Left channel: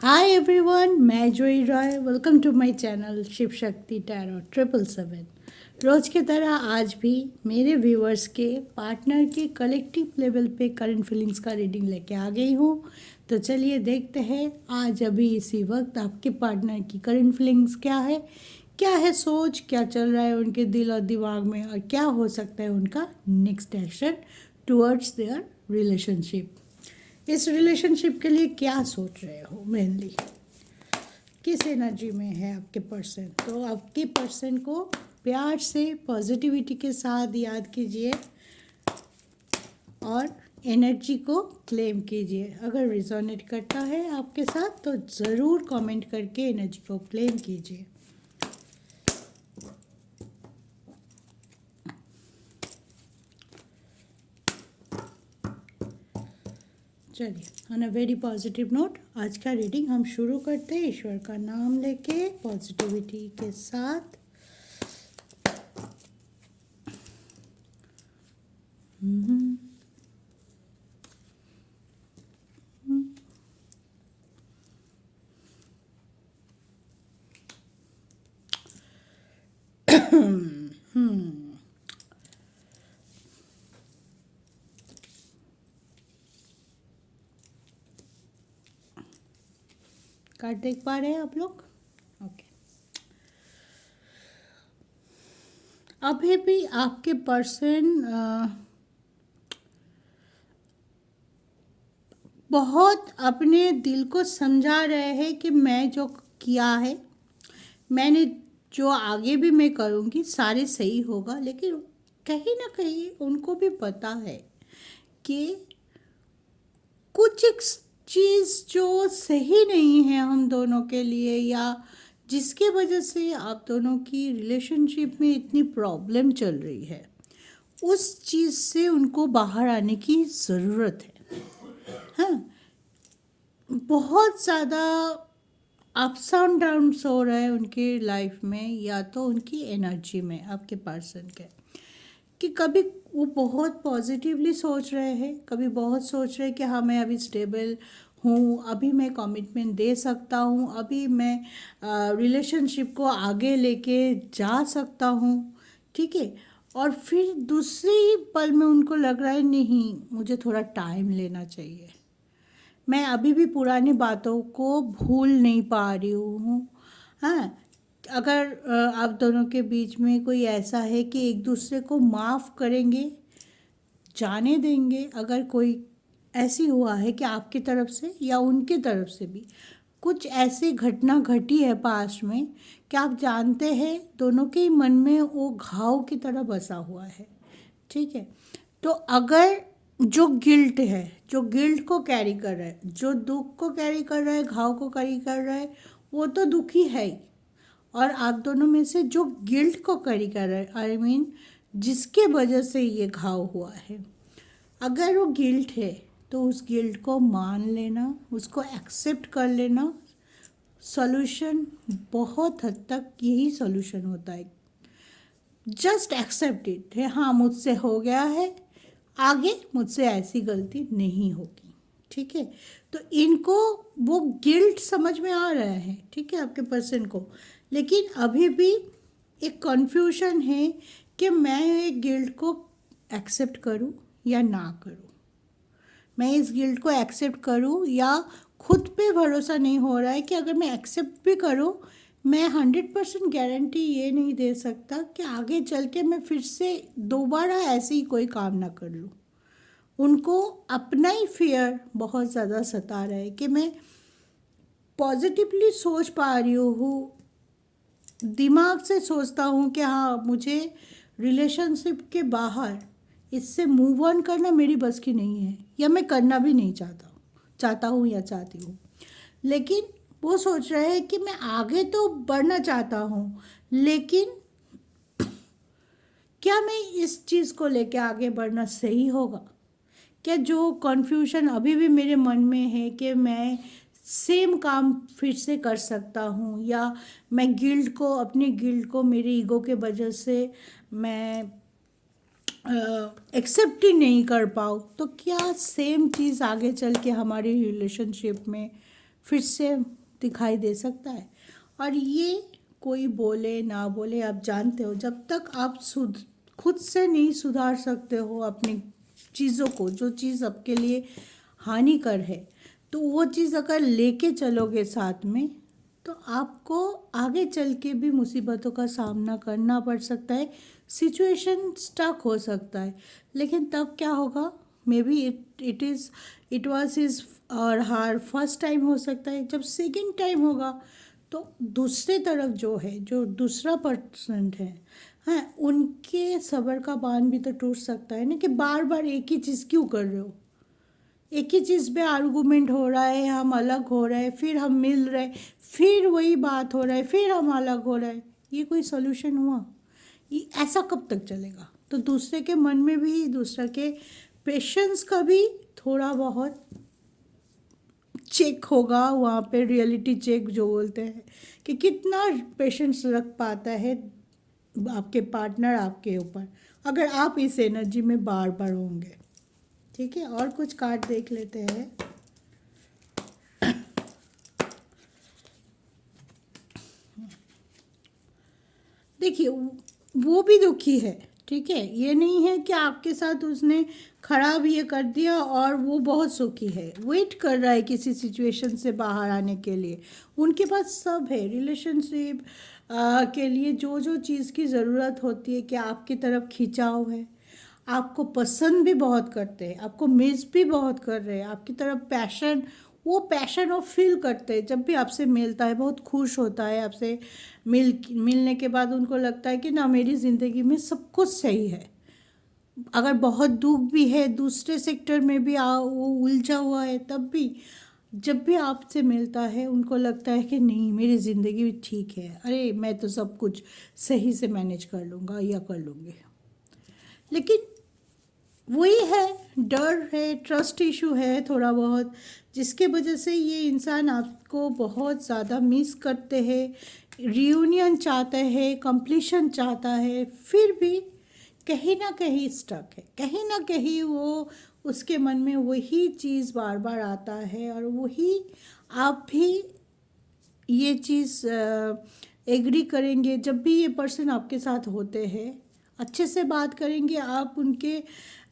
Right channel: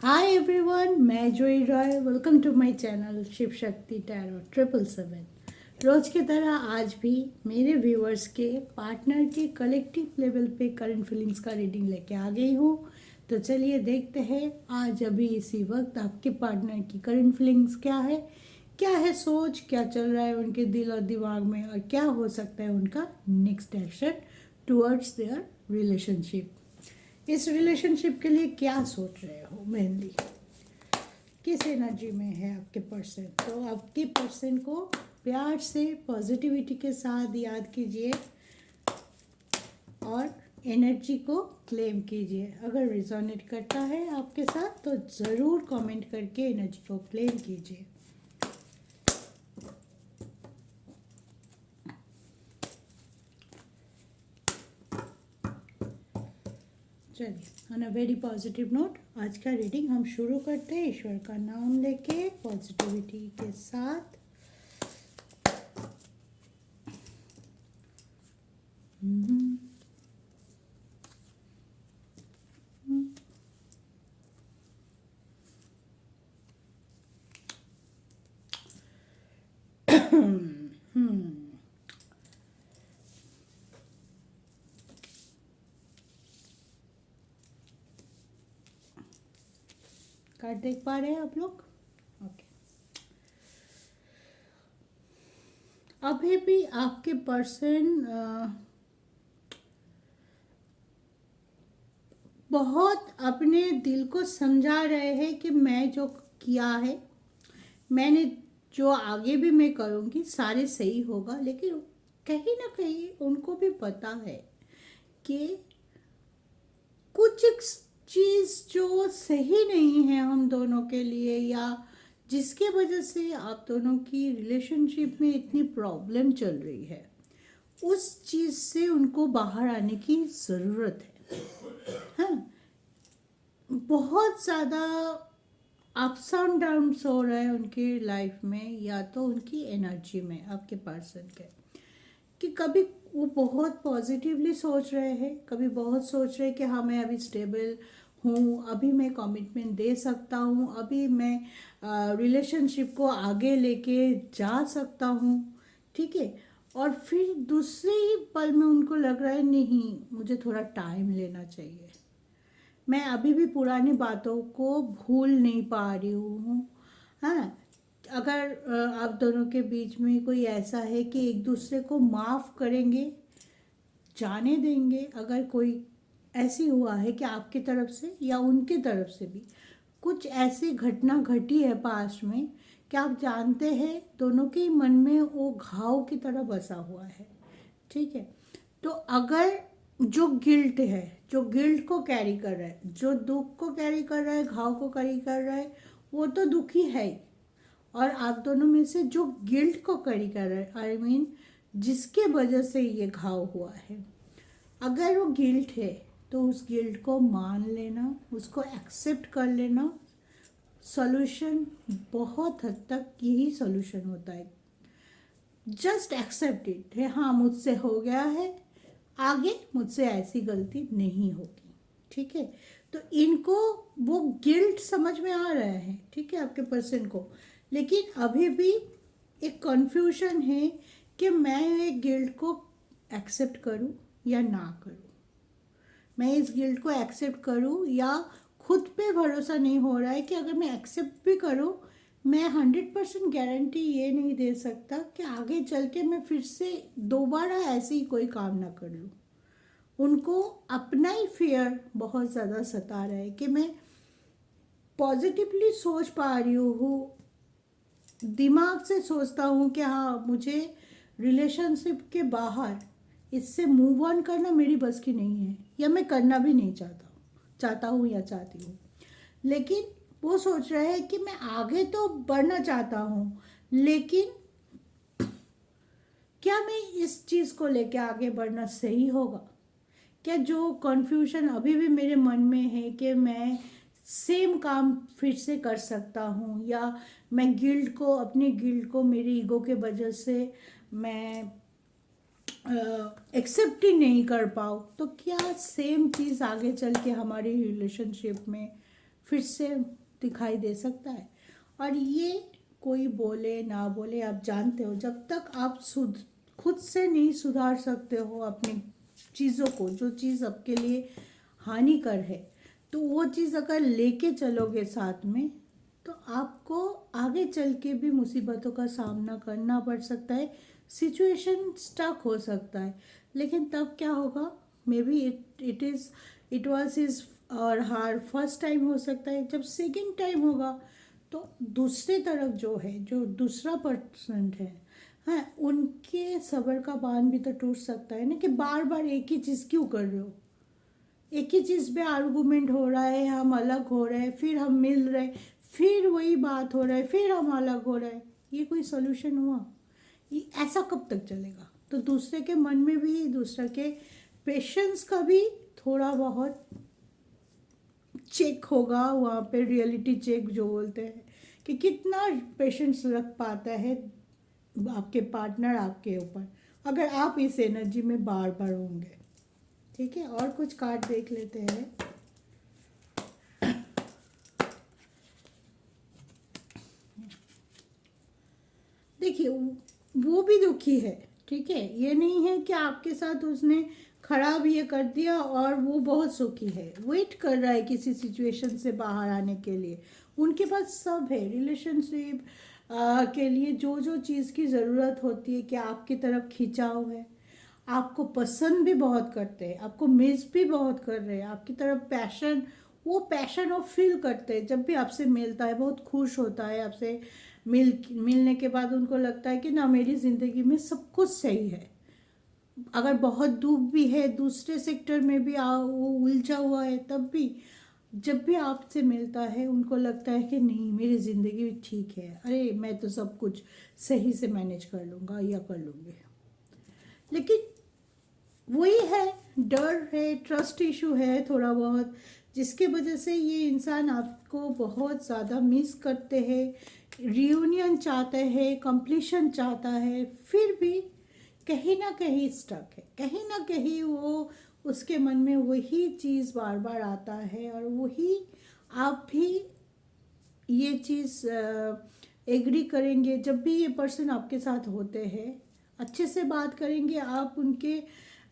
हाय everyone, मैं Joyee Roy. Welcome to my channel Shiv Shakti tarot 777। रोज की तरह आज भी मेरे व्यूअर्स के पार्टनर के कलेक्टिव लेवल पे करंट फीलिंग्स का रीडिंग लेके आ गई हूँ। तो चलिए देखते हैं आज अभी इसी वक्त आपके पार्टनर की करंट फीलिंग्स क्या है सोच, क्या चल रहा है उनके दिल और दिमाग में, और क्या हो सकता है उनका next action towards their relationship. इस रिलेशनशिप के लिए क्या सोच रहे हो, मेनली किस एनर्जी में है आपके पर्सन। तो आपके पर्सन को प्यार से पॉजिटिविटी के साथ याद कीजिए और एनर्जी को क्लेम कीजिए। अगर रिजोनेट करता है आपके साथ तो ज़रूर कमेंट करके एनर्जी को क्लेम कीजिए। चलिए, on a very positive note आज का रीडिंग हम शुरू करते हैं ईश्वर का नाम लेके पॉजिटिविटी के साथ। कार्ड देख पा रहे हैं आप लोग? ओके। अभी भी आपके पर्सन बहुत अपने दिल को समझा रहे हैं कि मैं जो किया है, मैंने जो आगे भी मैं करूँगी सारे सही होगा, लेकिन कहीं ना कहीं उनको भी पता है कि कुछ एक चीज़ जो सही नहीं है हम दोनों के लिए, या जिसके वजह से आप दोनों की रिलेशनशिप में इतनी प्रॉब्लम चल रही है, उस चीज़ से उनको बाहर आने की ज़रूरत है। हाँ, बहुत ज़्यादा अप्स एंड डाउन्स हो रहे हैं उनकी लाइफ में, या तो उनकी एनर्जी में आपके पर्सन के, कि कभी वो बहुत पॉजिटिवली सोच रहे हैं, कभी बहुत सोच रहे हैं कि हाँ मैं अभी स्टेबल हूँ, अभी मैं कमिटमेंट दे सकता हूँ, अभी मैं रिलेशनशिप को आगे लेके जा सकता हूँ। ठीक है। और फिर दूसरे ही पल में उनको लग रहा है नहीं, मुझे थोड़ा टाइम लेना चाहिए, मैं अभी भी पुरानी बातों को भूल नहीं पा रही हूँ। हाँ, अगर आप दोनों के बीच में कोई ऐसा है कि एक दूसरे को माफ़ करेंगे, जाने देंगे, अगर कोई ऐसी हुआ है कि आपकी तरफ से या उनकी तरफ से भी कुछ ऐसी घटना घटी है पास्ट में कि आप जानते हैं दोनों के ही मन में वो घाव की तरह बसा हुआ है। ठीक है। तो अगर जो गिल्ट है, जो गिल्ट को कैरी कर रहा है, जो दुख को कैरी कर रहा है, घाव को कैरी कर रहा है, वो तो दुखी है ही। और आप दोनों में से जो गिल्ट को कैरी कर रहा है, आई मीन जिसके वजह से ये घाव हुआ है, अगर वो गिल्ट है तो उस गिल्ट को मान लेना, उसको एक्सेप्ट कर लेना। सॉल्यूशन बहुत हद तक यही सॉल्यूशन होता है। जस्ट एक्सेप्ट इट है, हाँ मुझसे हो गया है, आगे मुझसे ऐसी गलती नहीं होगी। ठीक है। तो इनको वो गिल्ट समझ में आ रहा है, ठीक है, आपके पर्सन को, लेकिन अभी भी एक कन्फ्यूजन है कि मैं ये गिल्ट को एक्सेप्ट करूं या ना करूं, मैं इस गिल्ट को एक्सेप्ट करूं, या खुद पे भरोसा नहीं हो रहा है कि अगर मैं एक्सेप्ट भी करूं, मैं 100% गारंटी ये नहीं दे सकता कि आगे चल के मैं फिर से दोबारा ऐसे ही कोई काम ना कर लूँ। उनको अपना ही फियर बहुत ज़्यादा सता रहा है कि मैं पॉजिटिवली सोच पा रही हूँ, दिमाग से सोचता हूँ कि हाँ मुझे रिलेशनशिप के बाहर इससे मूव ऑन करना मेरी बस की नहीं है, या मैं करना भी नहीं चाहता हूँ या चाहती हूँ। लेकिन वो सोच रहे हैं कि मैं आगे तो बढ़ना चाहता हूँ, लेकिन क्या मैं इस चीज़ को लेके आगे बढ़ना सही होगा? क्या जो कन्फ्यूजन अभी भी मेरे मन में है कि मैं सेम काम फिर से कर सकता हूँ, या मैं गिल्ड को, अपनी गिल्ड को मेरी ईगो के वजह से मैं एक्सेप्ट ही नहीं कर पाऊँ, तो क्या सेम चीज़ आगे चल के हमारी रिलेशनशिप में फिर से दिखाई दे सकता है। और ये कोई बोले ना बोले, आप जानते हो जब तक आप खुद से नहीं सुधार सकते हो अपनी चीज़ों को, जो चीज़ आपके लिए हानिकर है, तो वो चीज़ अगर लेके चलोगे साथ में, तो आपको आगे चल के भी मुसीबतों का सामना करना पड़ सकता है, सिचुएशन स्टक हो सकता है। लेकिन तब क्या होगा, may be it was his और हर फर्स्ट टाइम हो सकता है। जब सेकंड टाइम होगा तो दूसरे तरफ जो है, जो दूसरा पर्सन है, हाँ, उनके सब्र का बांध भी तो टूट सकता है ना, कि बार बार एक ही चीज़ क्यों कर रहे हो, एक ही चीज़ पे आर्गूमेंट हो रहा है, हम अलग हो रहे हैं, फिर हम मिल रहे हैं, फिर वही बात हो रहा है, फिर हम अलग हो रहे हैं। ये कोई सोल्यूशन हुआ? ये ऐसा कब तक चलेगा? तो दूसरे के मन में भी, दूसरे के पेशेंस का भी थोड़ा बहुत चेक होगा वहाँ पे, रियलिटी चेक जो बोलते हैं, कि कितना पेशेंस रख पाता है आपके पार्टनर आपके ऊपर, अगर आप इस एनर्जी में बार बार होंगे। ठीक है, और कुछ कार्ड देख लेते हैं। देखिए, वो भी दुखी है, ठीक है, ये नहीं है कि आपके साथ उसने खराब ये कर दिया और वो बहुत सुखी है, वेट कर रहा है किसी सिचुएशन से बाहर आने के लिए। उनके पास सब है, रिलेशनशिप के लिए जो जो चीज़ की ज़रूरत होती है, कि आपकी तरफ खिंचाव है, आपको पसंद भी बहुत करते हैं, आपको मिस भी बहुत कर रहे हैं, आपकी तरफ पैशन, वो पैशन वो फील करते हैं जब भी आपसे मिलता है, बहुत खुश होता है आपसे मिलने के बाद। उनको लगता है कि ना, मेरी ज़िंदगी में सब कुछ सही है। अगर बहुत दुख भी है, दूसरे सेक्टर में भी वो उलझा हुआ है, तब भी जब भी आपसे मिलता है उनको लगता है कि नहीं, मेरी ज़िंदगी भी ठीक है, अरे मैं तो सब कुछ सही से मैनेज कर लूँगा या कर लूँगी। लेकिन वही है, डर है, ट्रस्ट इशू है थोड़ा बहुत, जिसके वजह से ये इंसान आपको बहुत ज़्यादा मिस करते हैं, रियूनियन चाहते हैं, कंप्लीशन चाहता है, फिर भी कहीं ना कहीं स्टक है, कहीं ना कहीं वो, उसके मन में वही चीज़ बार बार आता है, और वही आप भी ये चीज़ एग्री करेंगे जब भी ये पर्सन आपके साथ होते हैं, अच्छे से बात करेंगे आप उनके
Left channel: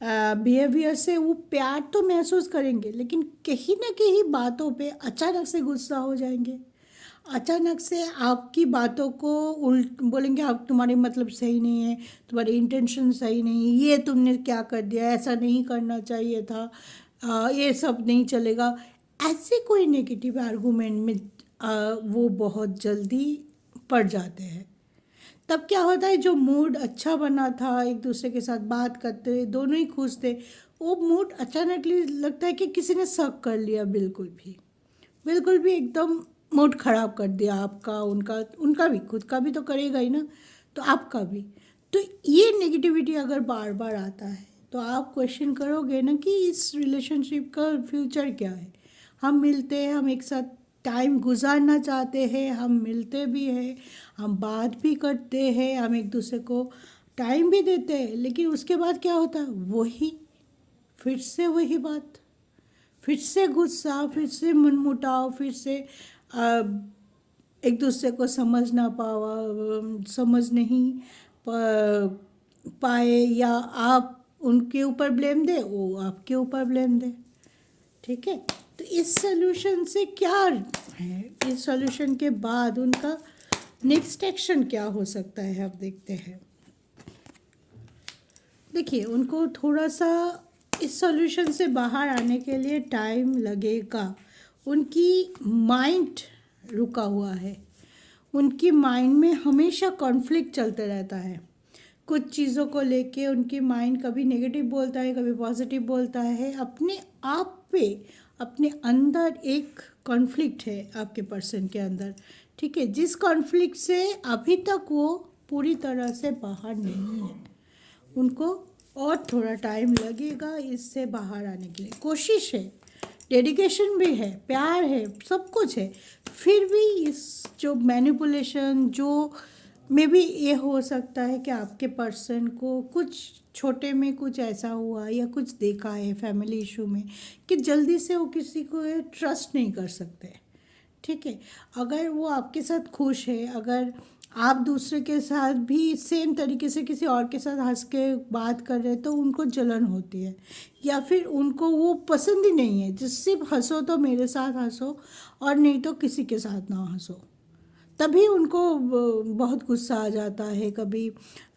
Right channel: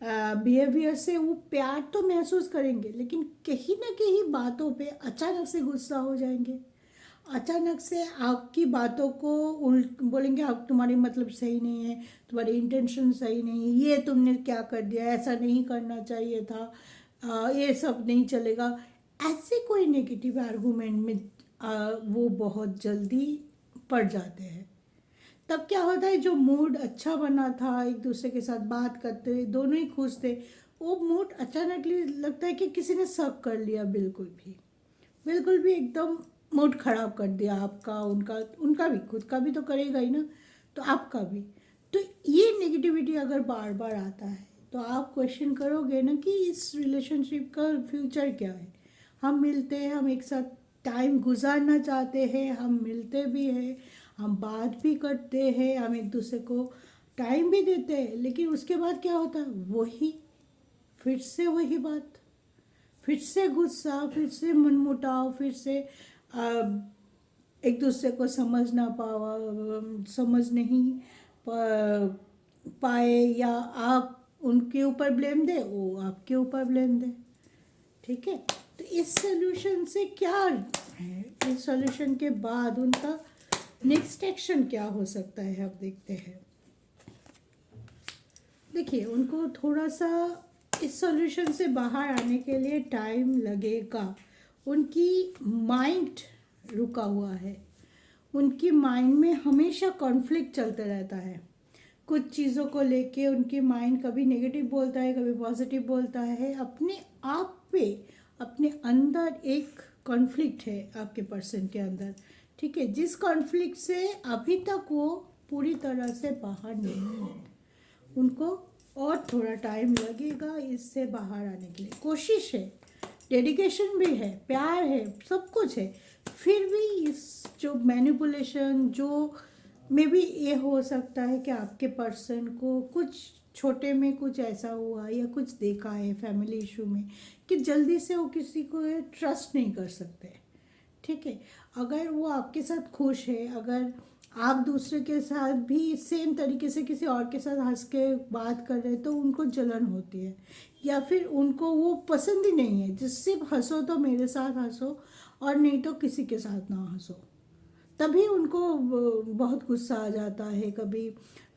बिहेवियर से, वो प्यार तो महसूस करेंगे, लेकिन कहीं ना कहीं बातों पे अचानक से गुस्सा हो जाएंगे, अचानक से आपकी बातों को उल्ट बोलेंगे, आप, तुम्हारे मतलब सही नहीं है, तुम्हारी इंटेंशन सही नहीं है, ये तुमने क्या कर दिया, ऐसा नहीं करना चाहिए था, ये सब नहीं चलेगा। ऐसे कोई नेगेटिव आर्गूमेंट में वो बहुत जल्दी पड़ जाते हैं। तब क्या होता है, जो मूड अच्छा बना था, एक दूसरे के साथ बात करते दोनों ही खुश थे, वो मूड अचानकली लगता है कि किसी ने शक कर लिया, बिल्कुल भी एकदम मूड खराब कर दिया आपका, उनका उनका भी, खुद का भी तो करेगा ही ना, तो आपका भी। तो ये नेगेटिविटी अगर बार बार आता है, तो आप क्वेश्चन करोगे ना कि इस रिलेशनशिप का फ्यूचर क्या है। हम मिलते हैं, हम एक साथ टाइम गुजारना चाहते हैं, हम मिलते भी हैं, हम बात भी करते हैं, हम एक दूसरे को टाइम भी देते हैं, लेकिन उसके बाद क्या होता है, वही, फिर से वही बात, फिर से गुस्सा, फिर से मनमुटाव, फिर से आ, एक दूसरे को समझ नहीं पाए, या आप उनके ऊपर ब्लेम दे, वो आपके ऊपर ब्लेम दे। ठीक है, तो इस सोल्यूशन से क्या है, इस सोल्यूशन के बाद उनका नेक्स्ट एक्शन क्या हो सकता है, आप देखते हैं। देखिए, उनको थोड़ा सा इस सॉल्यूशन से बाहर आने के लिए टाइम लगेगा। उनकी माइंड रुका हुआ है, उनकी माइंड में हमेशा कॉन्फ्लिक्ट चलते रहता है, कुछ चीज़ों को लेके उनकी माइंड कभी नेगेटिव बोलता है, कभी पॉजिटिव बोलता है, अपने आप पे, अपने अंदर एक कॉन्फ्लिक्ट है आपके पर्सन के अंदर। ठीक है, जिस कॉन्फ्लिक्ट से अभी तक वो पूरी तरह से बाहर नहीं है, उनको और थोड़ा टाइम लगेगा इससे बाहर आने के लिए। कोशिश है, डेडिकेशन भी है, प्यार है, सब कुछ है, फिर भी इस जो मैनिपुलेशन, जो मे बी ये हो सकता है कि आपके पर्सन को कुछ छोटे में कुछ ऐसा हुआ, या कुछ देखा है फैमिली इशू में, कि जल्दी से वो किसी को ट्रस्ट नहीं कर सकते, ठीक है। अगर वो आपके साथ खुश है, अगर आप दूसरे के साथ भी सेम तरीके से किसी और के साथ हंस के बात कर रहे हैं तो उनको जलन होती है, या फिर उनको वो पसंद ही नहीं है। जिस सिर्फ हंसो तो मेरे साथ हंसो, और नहीं तो किसी के साथ ना हंसो। तभी उनको बहुत गुस्सा आ जाता है। कभी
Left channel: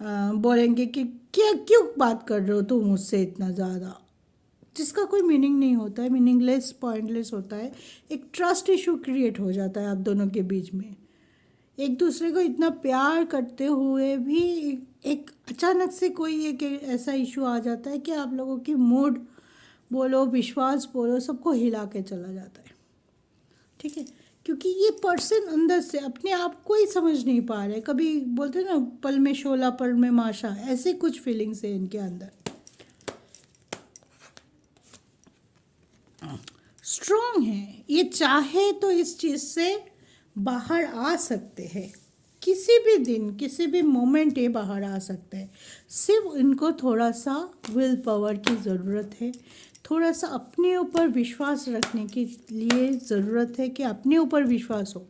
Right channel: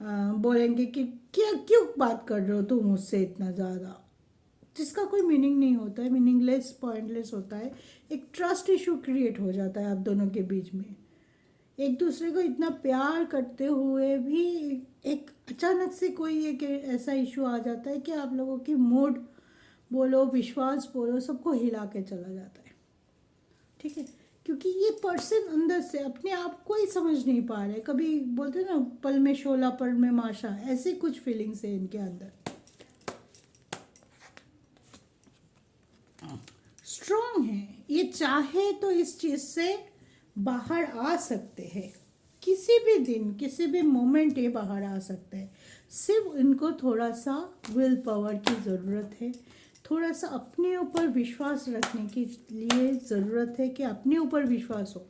बोलेंगे कि क्या क्यों बात कर रहे हो तुम मुझसे इतना ज़्यादा, जिसका कोई मीनिंग नहीं होता है, मीनिंगलेस पॉइंटलेस होता है। एक ट्रस्ट इशू क्रिएट हो जाता है आप दोनों के बीच में। एक दूसरे को इतना प्यार करते हुए भी एक अचानक से कोई एक ऐसा इशू आ जाता है कि आप लोगों की मूड बोलो, विश्वास बोलो, सबको हिला के चला जाता है। ठीक है। क्योंकि ये पर्सन अंदर से अपने आप को ही समझ नहीं पा रहे। कभी बोलते हैं ना, पल में शोला पल में माशा, ऐसे कुछ फीलिंग्स है इनके अंदर। स्ट्रॉन्ग है ये, चाहे तो इस चीज़ से बाहर आ सकते हैं। किसी भी दिन किसी भी मोमेंट ये बाहर आ सकते हैं। सिर्फ इनको थोड़ा सा विल पावर की ज़रूरत है, थोड़ा सा अपने ऊपर विश्वास रखने के लिए ज़रूरत है कि अपने ऊपर विश्वास हो,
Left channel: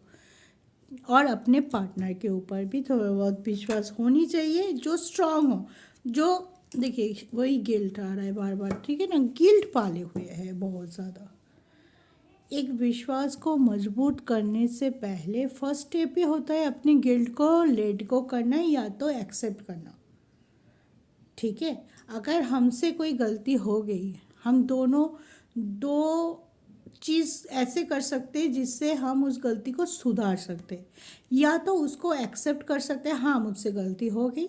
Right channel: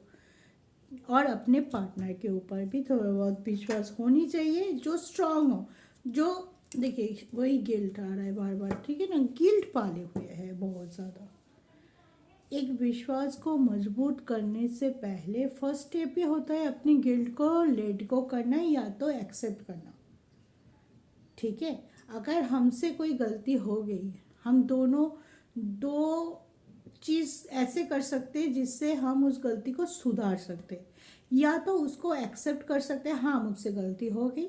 और अपने पार्टनर के ऊपर भी थोड़ा बहुत विश्वास होनी चाहिए, जो स्ट्रांग हो। जो देखिए वही गिल्ट आ रहा है बार बार, ठीक है ना, गिल्ट पाले हुए है बहुत ज़्यादा। एक विश्वास को मजबूत करने से पहले फर्स्ट स्टेप ये होता है अपनी गिल्ट को लेट गो करना या तो एक्सेप्ट करना। ठीक है। अगर हमसे कोई गलती हो गई है, हम दोनों दो चीज़ ऐसे कर सकते हैं जिससे हम उस गलती को सुधार सकते हैं। या तो उसको एक्सेप्ट कर सकते हैं, हाँ मुझसे गलती हो गई,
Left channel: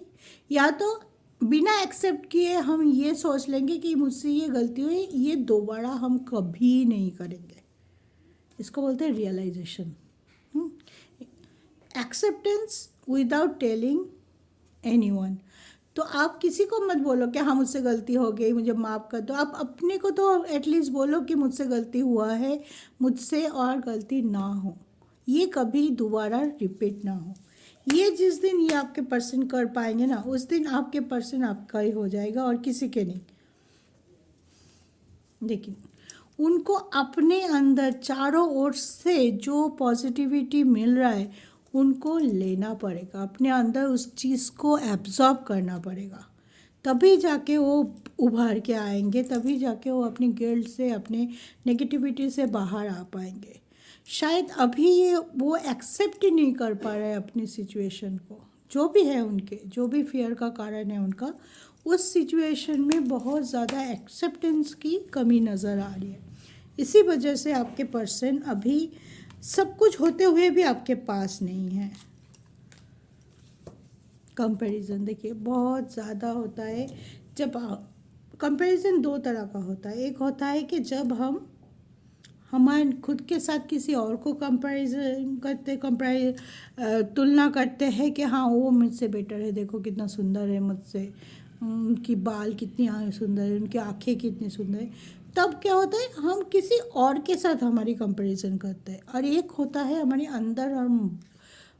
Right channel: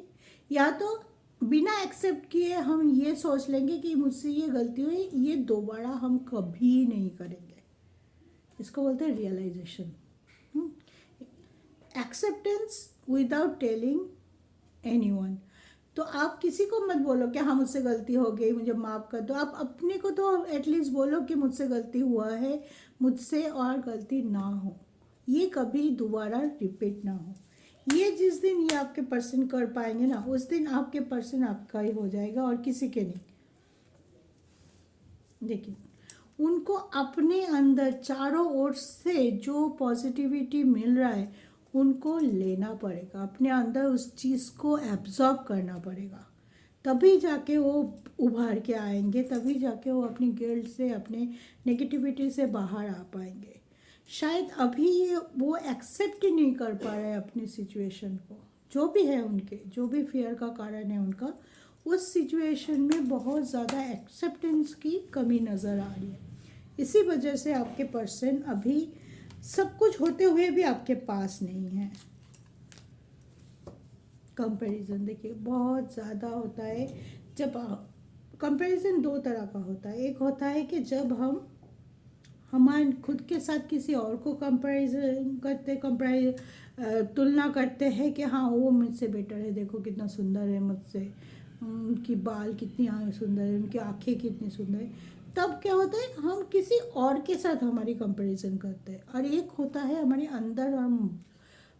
या तो बिना एक्सेप्ट किए हम ये सोच लेंगे कि मुझसे ये गलती हुई, ये दोबारा हम कभी नहीं करेंगे। इसको बोलते हैं realisation. Acceptance without telling anyone. तो आप किसी को मत बोलो कि हाँ मुझसे गलती हो गई, मुझे माफ़ कर दो। आप अपने को तो एटलीस्ट बोलो कि मुझसे गलती हुआ है, मुझसे और गलती ना हो, ये कभी दोबारा रिपीट ना हो। ये जिस दिन ये आपके पर्सन कर पाएंगे ना, उस दिन आपके पर्सन आपका ही हो जाएगा और किसी के नहीं। देखिए, उनको अपने अंदर चारों ओर से जो पॉजिटिविटी मिल रहा है उनको लेना पड़ेगा, अपने अंदर उस चीज़ को एब्जॉर्ब करना पड़ेगा। तभी जाके वो उभार के आएंगे, तभी जाके वो अपनी गिल्ट से, अपने नेगेटिविटी से बाहर आ पाएंगे। शायद अभी ये वो एक्सेप्ट ही नहीं कर पा रहे अपनी सिचुएशन को, जो भी है उनके, जो भी फियर का कारण है उनका, उस सिचुएशन में बहुत ज़्यादा एक्सेप्टेंस की कमी नज़र आ रही है। इसी वजह से आपके पर्सन अभी सब कुछ होते हुए भी आपके पास नहीं है। कंपैरिजन देखिए बहुत ज़्यादा होता है। जब कंपैरिजन दो तरह का होता है। एक होता है कि जब हम हमारे खुद के साथ किसी और को कंपैरिजन करते, तुलना करते हैं कि हाँ वो मुझसे बेटर है, देखो कितना सुंदर है मुझसे, उनकी बाल कितनी सुंदर है, उनकी आँखें कितनी सुंदर है। तब क्या होता है, हम किसी और के साथ हमारी कंपैरिजन करते हैं। और एक होता है हमारे अंदर और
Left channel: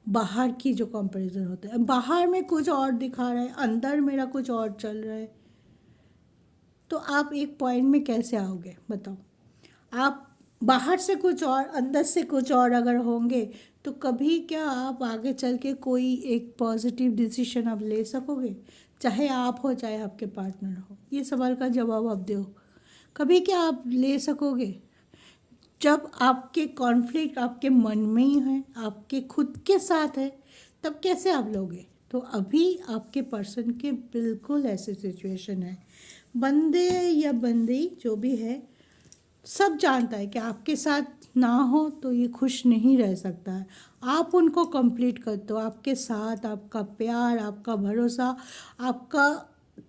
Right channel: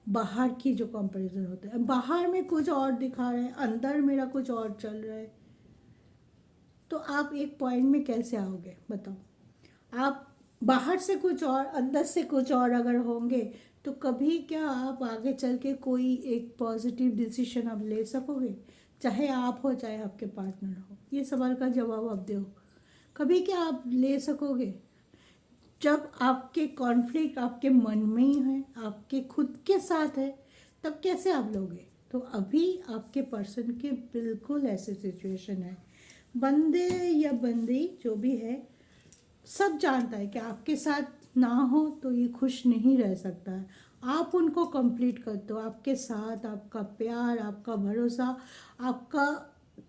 बाहर की जो कंपैरिजन होता है। बाहर में कुछ और दिखा रहा है, अंदर मेरा कुछ और चल रहा है। तो आप एक पॉइंट में कैसे आओगे बताओ? आप बाहर से कुछ और अंदर से कुछ और अगर होंगे तो कभी क्या आप आगे चल के कोई एक पॉजिटिव डिसीजन आप ले सकोगे? चाहे आप हो चाहे आपके पार्टनर हो, ये सवाल का जवाब आप दो। कभी क्या आप ले सकोगे? जब आपके कॉन्फ्लिक्ट आपके मन में ही है, आपके खुद के साथ है, तब कैसे आप लोगे? तो अभी आपके पर्सन के बिल्कुल ऐसे सिचुएशन है। बंदे या बंदी जो भी है, सब जानता है कि आपके साथ ना हो तो ये खुश नहीं रह सकता है। आप उनको कंप्लीट करते हो, आपके साथ आपका प्यार, आपका भरोसा, आपका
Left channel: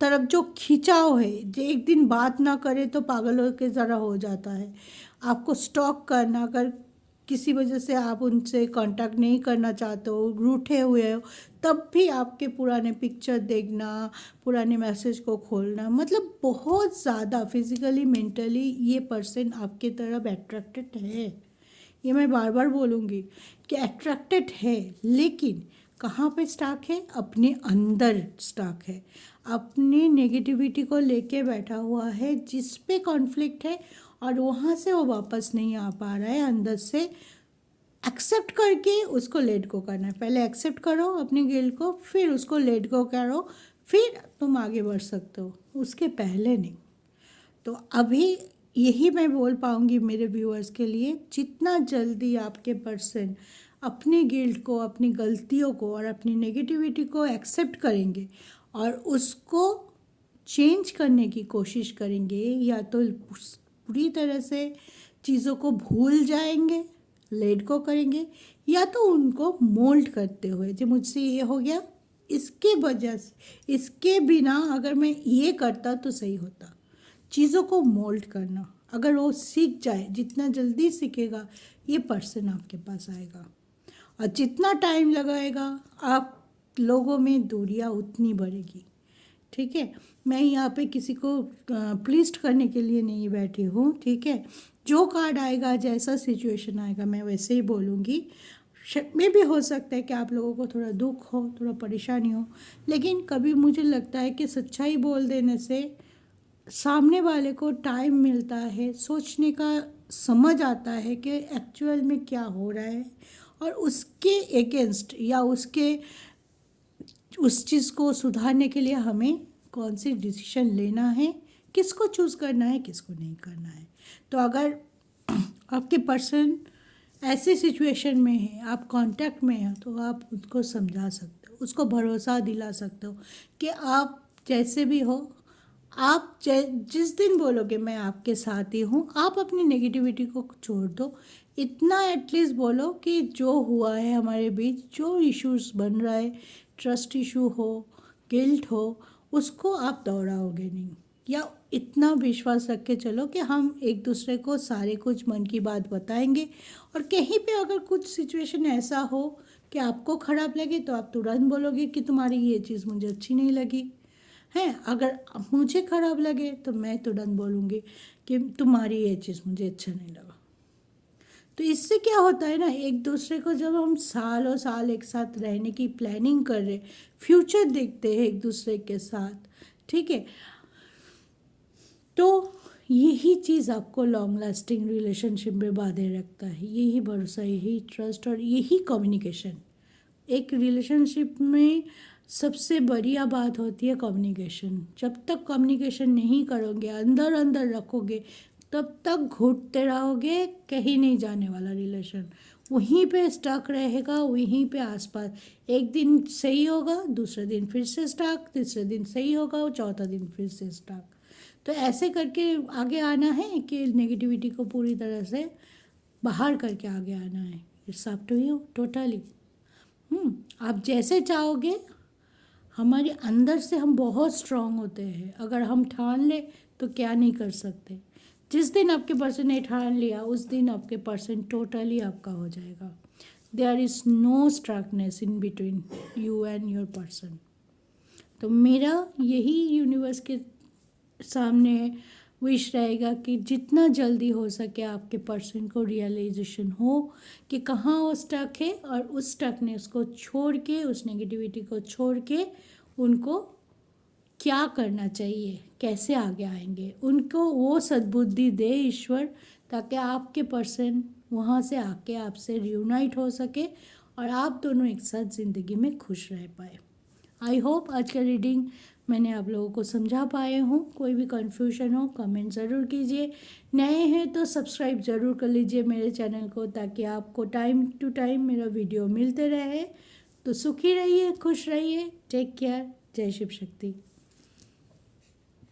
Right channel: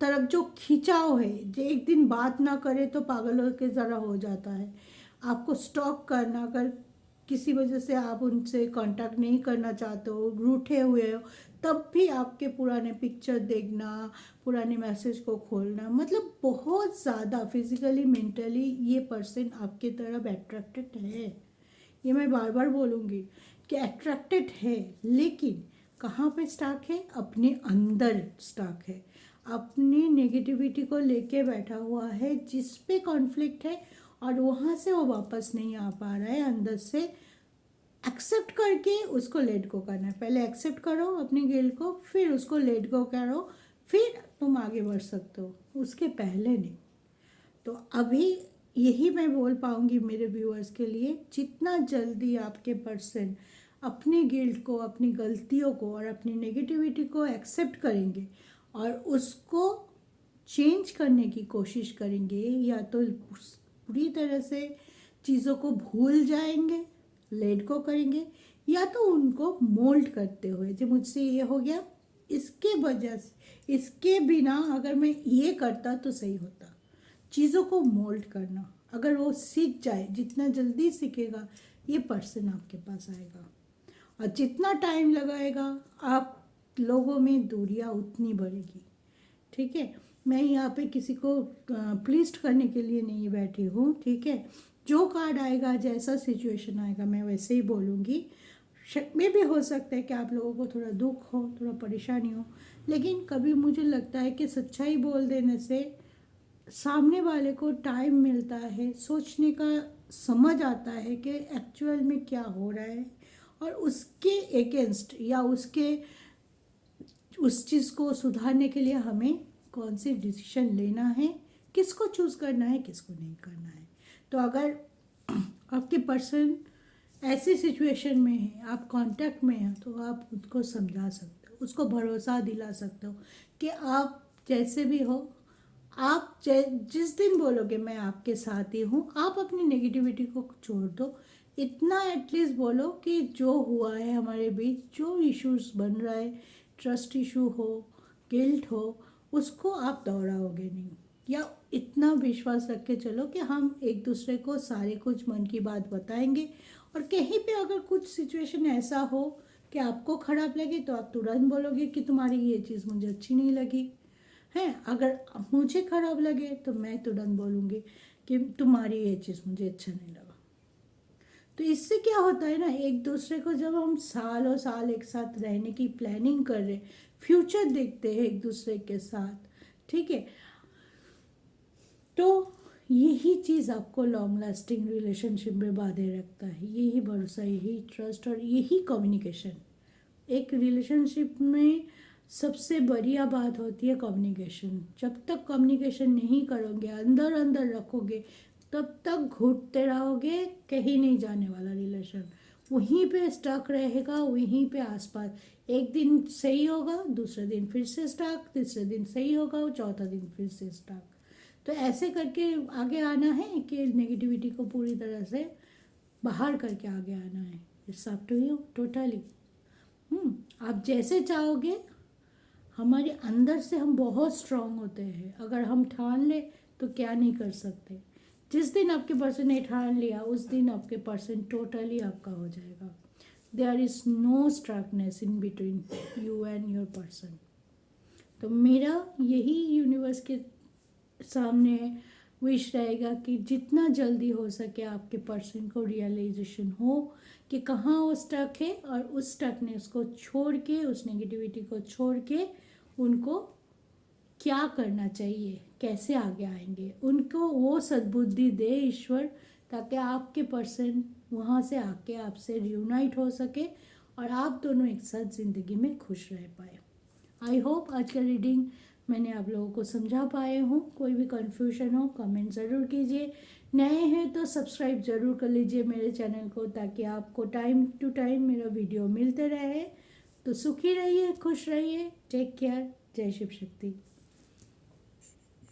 तरफ जो खिंचाव है, जो एक दिन बात ना करे तो पागलों के ज़रा हो जाता है। आपको स्टॉक करना, अगर किसी वजह से आप उनसे कांटेक्ट नहीं करना चाहते हो, रूठे हुए हो, तब भी आपके पुराने पिक्चर देखना, पुराने मैसेज को खोलना, मतलब बहुत ज़्यादा फिजिकली मेंटली ये पर्सन आपके तरफ अट्रैक्टेड है। ये मैं बार बार बोलूँगी कि अट्रैक्टेड है, लेकिन कहाँ पे स्टक है? अपने अंदर स्टक है, अपनी नेगेटिविटी को लेके बैठा हुआ है, जिस पे कॉन्फ्लिक्ट है, और वहाँ से वो वापस नहीं आ पा रहा है अंदर से एक्सेप्ट करके उसको लेट गो करना है। पहले एक्सेप्ट करो अपनी गिल्ट को, फिर उसको लेट गो करो, फिर तुम आगे बढ़ सकते हो, उसके पहले नहीं। तो अभी यही मैं बोल पाऊँगी मेरे व्यूअर्स के लिए, जितना जल्दी आपके पर्सन अपनी गिल्ट को, अपनी गलतियों को और अपनी नेगेटिविटी को एक्सेप्ट करेंगे और उसको चेंज करने की कोशिश करेंगे, या तो पूरी तरह से चीज़ों को भूल जाएंगे, लेट गो करेंगे, या तो उनको मोल्ड करते हुए, जो मुझसे ये हो गया, इसके वजह से, इसके बिना अगर मैं ये करता तो सही होता, चीज़ों को मोल्ड करना। अगर वो सीख जाए, जितना जल्दी सीखेगा ये पर्सन आपके पास आएगा, और जितना टाइम लगाएगा आप लोगों में दूरियां उतनी बढ़ेगी। ठीक है, मैं यहाँ पे किसी को प्लीज करने के लिए नहीं बैठी हूँ। ठीक है, जो कार्ड आएगा, जैसा सिचुएशन आएगा, मैं वैसे ही बोलूँगी। में भी हो सकता है कि आप लोगों को थोड़ा दुख हो, थोड़ा परेशानी हो, लेकिन कभी मुझे लगता है कि सच्चाई बोल देने से सामने वाले को टाइम मिलता है, सोचने का समझ आता है कि एक्चुअल में क्या हो रहा है, और उसके अगेंस्ट या उसके उस चीज़ को सुधारने के लिए हमें कौन सी डिसीजन लेना है, किसको चूज़ करना है, किसको नहीं करना है। तो अगर आपके पर्सन ऐसी सिचुएशन में है, आप कांटेक्ट में हैं, तो आप उसको समझा सकते हो, उसको भरोसा दिला सकते हो कि आप जैसे भी हो, आप जिस दिन बोलोगे मैं आपके साथ ही हूँ, आप अपनी नेगेटिविटी को छोड़ दो। इतना एटलीस्ट बोलो कि जो हुआ है हमारे बीच, जो इश्यूज बन रहा है, ट्रस्ट इशू हो, गिल्ट हो, उसको आप दोहराओगे नहीं। या इतना विश्वास रख के चलो कि हम एक दूसरे को सारे कुछ मन की बात बताएंगे, और कहीं पे अगर कुछ सिचुएशन ऐसा हो कि आपको ख़राब लगे तो आप तुरंत बोलोगे कि तुम्हारी ये चीज़ मुझे अच्छी नहीं लगी है। अगर मुझे ख़राब लगे तो मैं तुरंत बोलूँगी कि तुम्हारी ये चीज़ मुझे अच्छा नहीं लगा। तो इससे क्या होता है ना, एक दूसरे को जब हम सालों साल एक साथ रहने की प्लानिंग कर रहे, फ्यूचर देखते हैं एक दूसरे के साथ, ठीक है, तो यही चीज़ आपको लॉन्ग लास्टिंग रिलेशनशिप में बांधे रखता है। यही भरोसा, यही ट्रस्ट और यही कम्युनिकेशन। एक रिलेशनशिप में सबसे बढ़िया बात होती है कम्युनिकेशन। जब तक कम्युनिकेशन नहीं करोगे, अंदर अंदर रखोगे, तब तक घुटते रहोगे, कहीं नहीं जाने वाला रिलेशन, वहीं पे स्टक रहेगा, वहीं पे आसपास। एक दिन सही होगा, दूसरे दिन फिर से स्टक, तीसरे दिन सही होगा, चौथा दिन फिर से स्टक। तो ऐसे करके आगे आना है कि नेगेटिविटी को पूरी तरह से बाहर करके आगे आना है। It's up to you totally. आप जैसे चाहोगे। हमारे अंदर से हम बहुत स्ट्रांग होते हैं, अगर हम ठान ले तो क्या नहीं कर सकते। जिस दिन आपके पर्सन ने ठान लिया, उस दिन आपके पर्सन टोटली आपका हो जाएगा। There is no stuckness in between you and your person. तो मेरा यही यूनिवर्स के सामने विश रहेगा कि जितना जल्दी हो सके आपके पर्सन को रियलाइजेशन हो कि कहाँ वो स्टक है, और उस स्टकनेस को छोड़ के, उस नेगेटिविटी को छोड़ के उनको क्या करना चाहिए, कैसे आगे आएंगे, उनको वो सद्बुद्धि दे ईश्वर, ताकि आपके पर्सन वहाँ से आके आपसे रियूनाइट हो सके और आप दोनों एक साथ ज़िंदगी में खुश रह पाए। आई होप आज का रीडिंग मैंने आप लोगों को समझा पाए हूँ। कोई भी कन्फ्यूजन हो कमेंट ज़रूर कीजिए। नए हैं तो सब्सक्राइब ज़रूर कर लीजिए मेरे चैनल को, ताकि आपको टाइम टू टाइम मेरा वीडियो मिलते रहे। तो सुखी रहिए, खुश रहिए, टेक केयर, जय शिव शक्ति।